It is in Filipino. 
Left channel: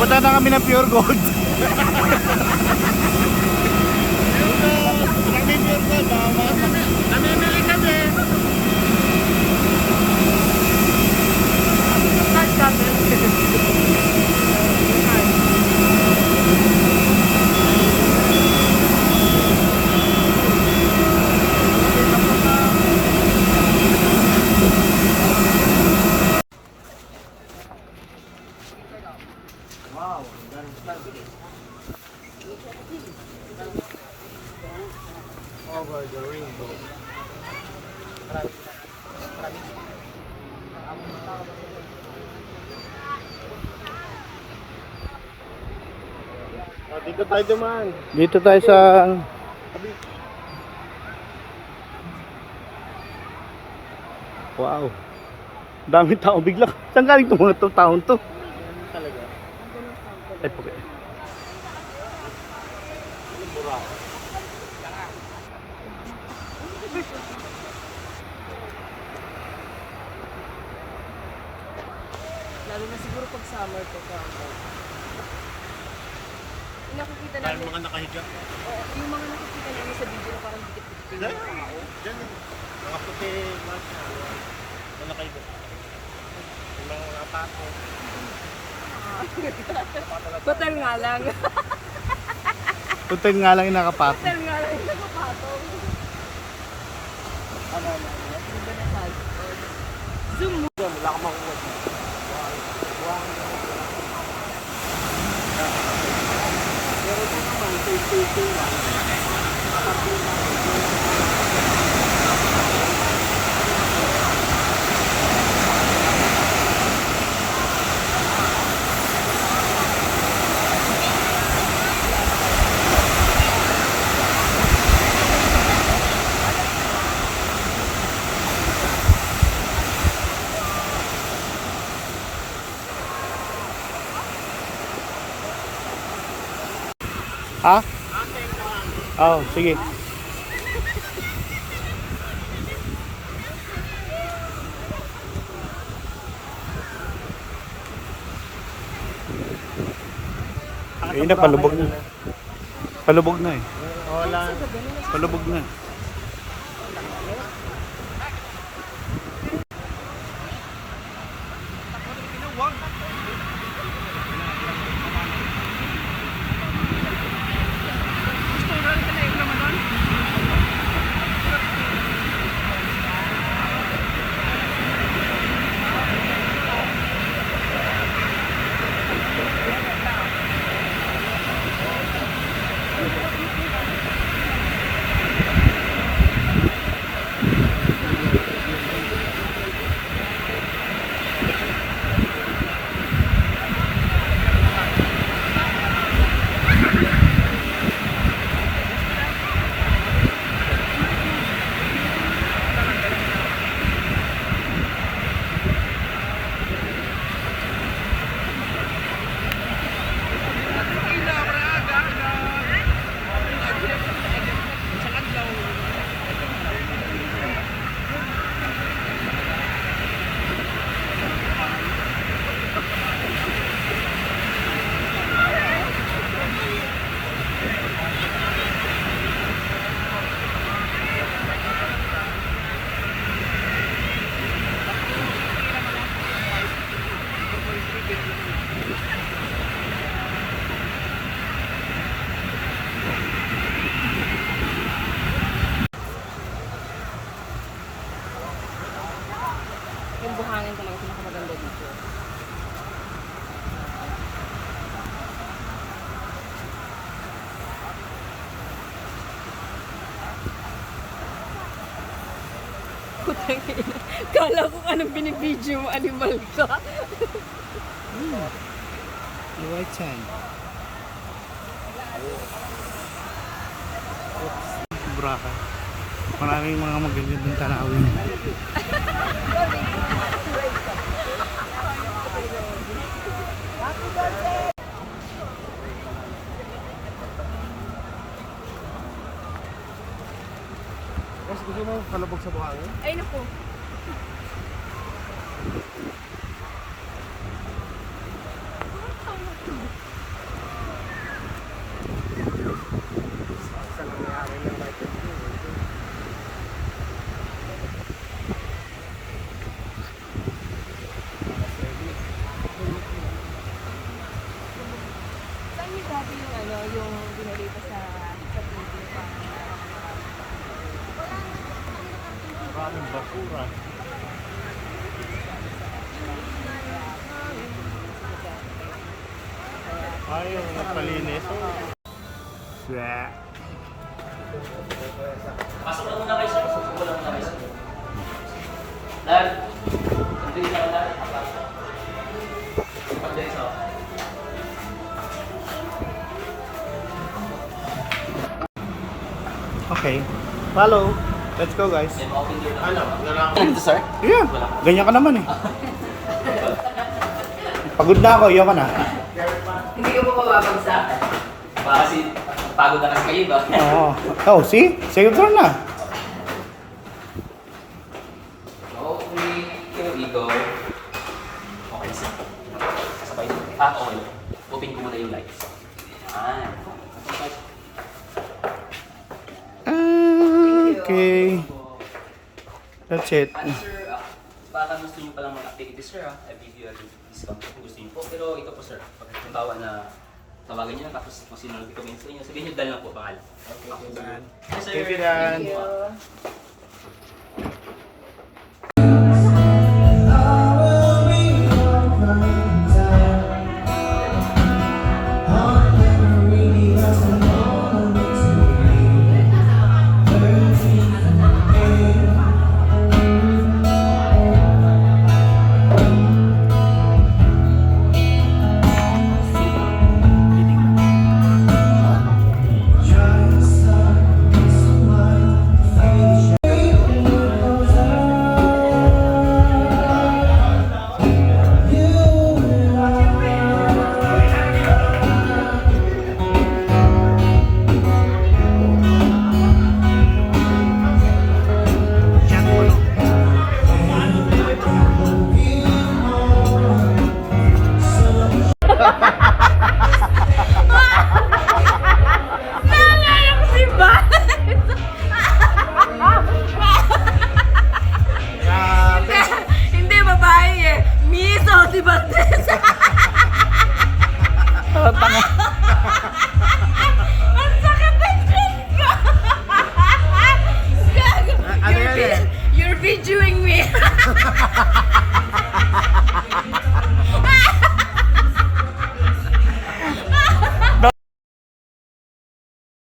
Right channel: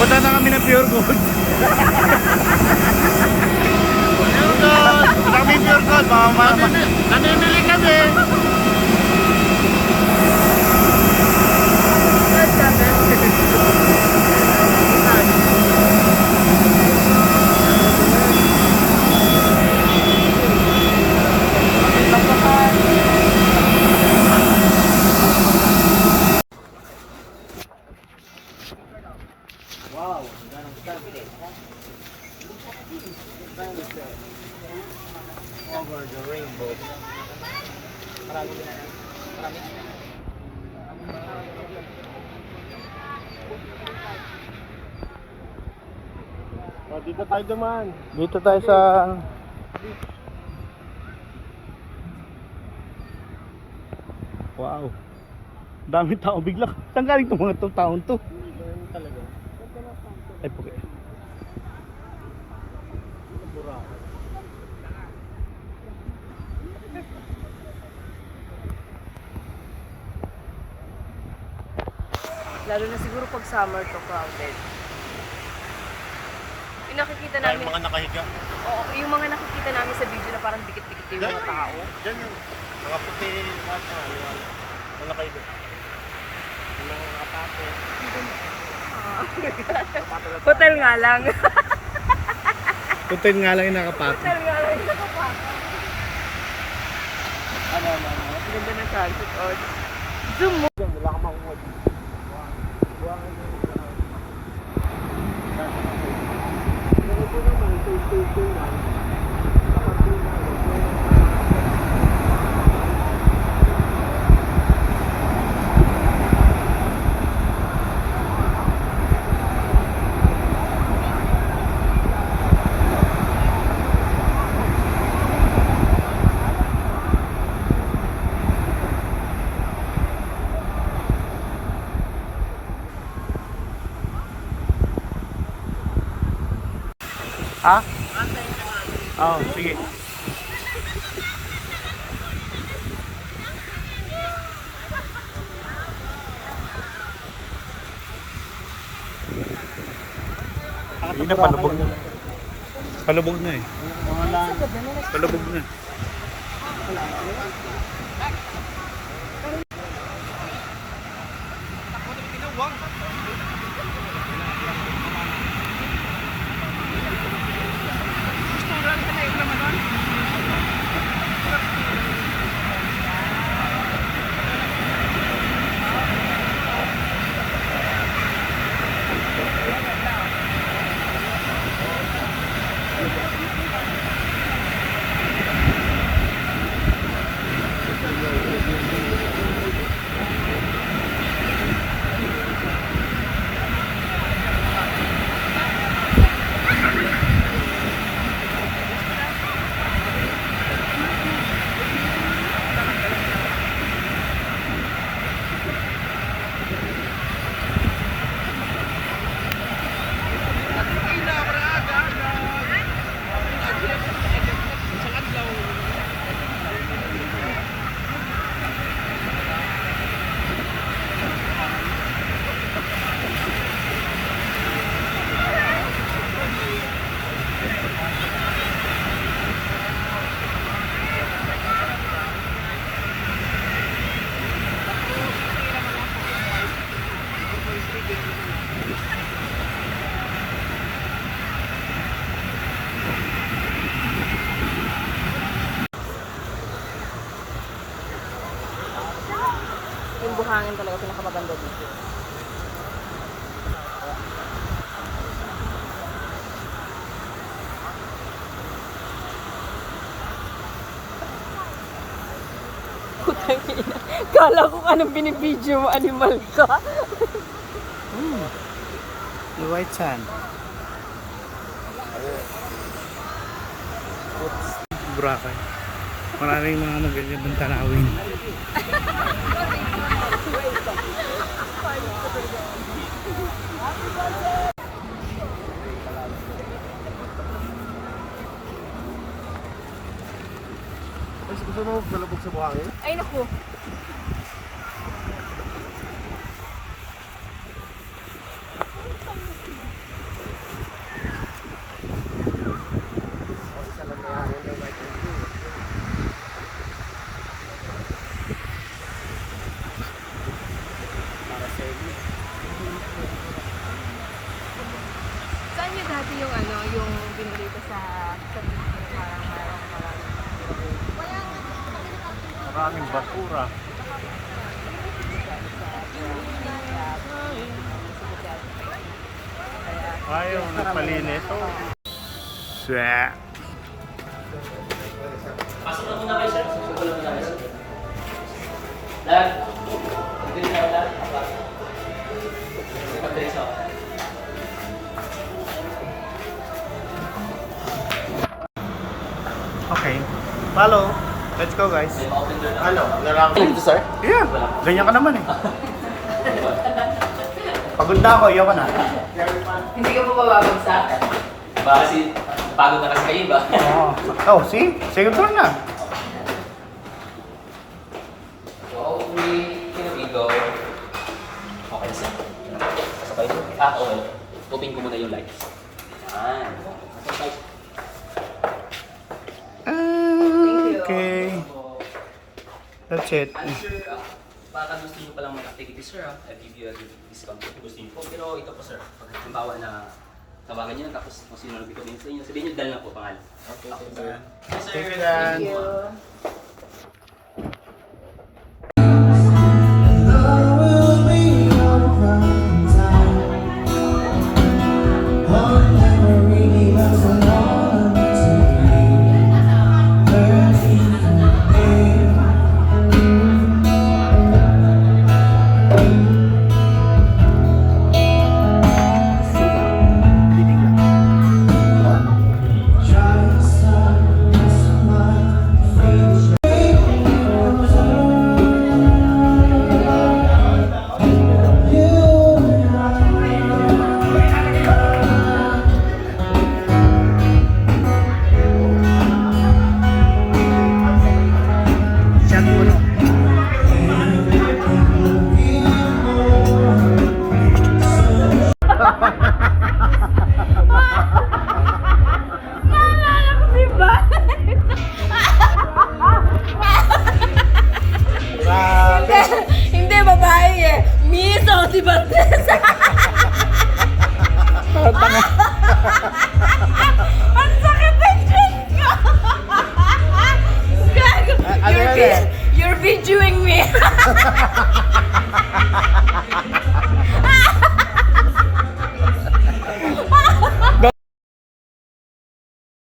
Punta na kami ng Pure Gold. Pure Gold! Punta kami Pure Gold. Namimili kami. Start natin. Over the rainbow. Dito tayo dumaan. Dito tayo sa wow. Dami tao bigla. Saan galing itong mga taon to? Talaga. Ay, okay. Lalo na siguro pag summer to crowded. Yung nakikita Dahil namin, mga nakahiga. oo, yung mga nakikita namin sa video na parang dikit-dikit yung mga tao. Diyan yun. Mga puti lahat na. Yung nakahiga. Yung mga nakapate. Hotel nga lang. Hotel nga lang yung nakapato. Hotel nga lang yung nakapataw. Ganda na sunset. Oh. Zoom mo. Wala ka makuha. Pero ito naman, ito lang. Ha? Oh, sige. Ayun na, palubog na. Palubog na eh. Wala. Palubog na. Yung buhangin talaga pinakamaganda dito. Putang ina. Kala ko anong binibidyo mo, animal ka. The white sand. Boracay. Maraming mga magagandang tanawin. Mas gusto mo palabog sa buhangin? Ay, naku. basura. Ayaw, nagpalinis. Swak. Pasok na muna kayo, sir. Pasok na muna kayo, sir. Dad, hindi niyo ako na. Pag-dress ako. Okay. Follow. Let's go, guys. Then, ma-open door na. Ano? Lalaki. Team to, sir. Yeah. Ganyan ka naman eh. Pagod na ako, iyo ka na. Hindi ka pa mababagsak. Baka kasi pagod na kasi kayo ba? Oo. Oh, see? Save ka na. So, we go. Okay, sir. Sabay. Okay. Open ko muna yung lights. Okay. That's it. Sir, baka gusto niyo palang mag-activity, sir. I'll give you a good discount kung gusto niyo po. Pero ito po, sir. Pag halimbawa na tawagan niyo na tapos kung sino nag-recommend sa inyo, sabihin niyo Dan lang po pangalan. Okay, Dan. Yes, sir. Thank you, Dan. Thank you, po. Shot mo no. Grabe. Hindi, babae eh. Miso, si Bandes. Ang sakit ng chin ko. Gago. Ano yan eh? You're videoing me.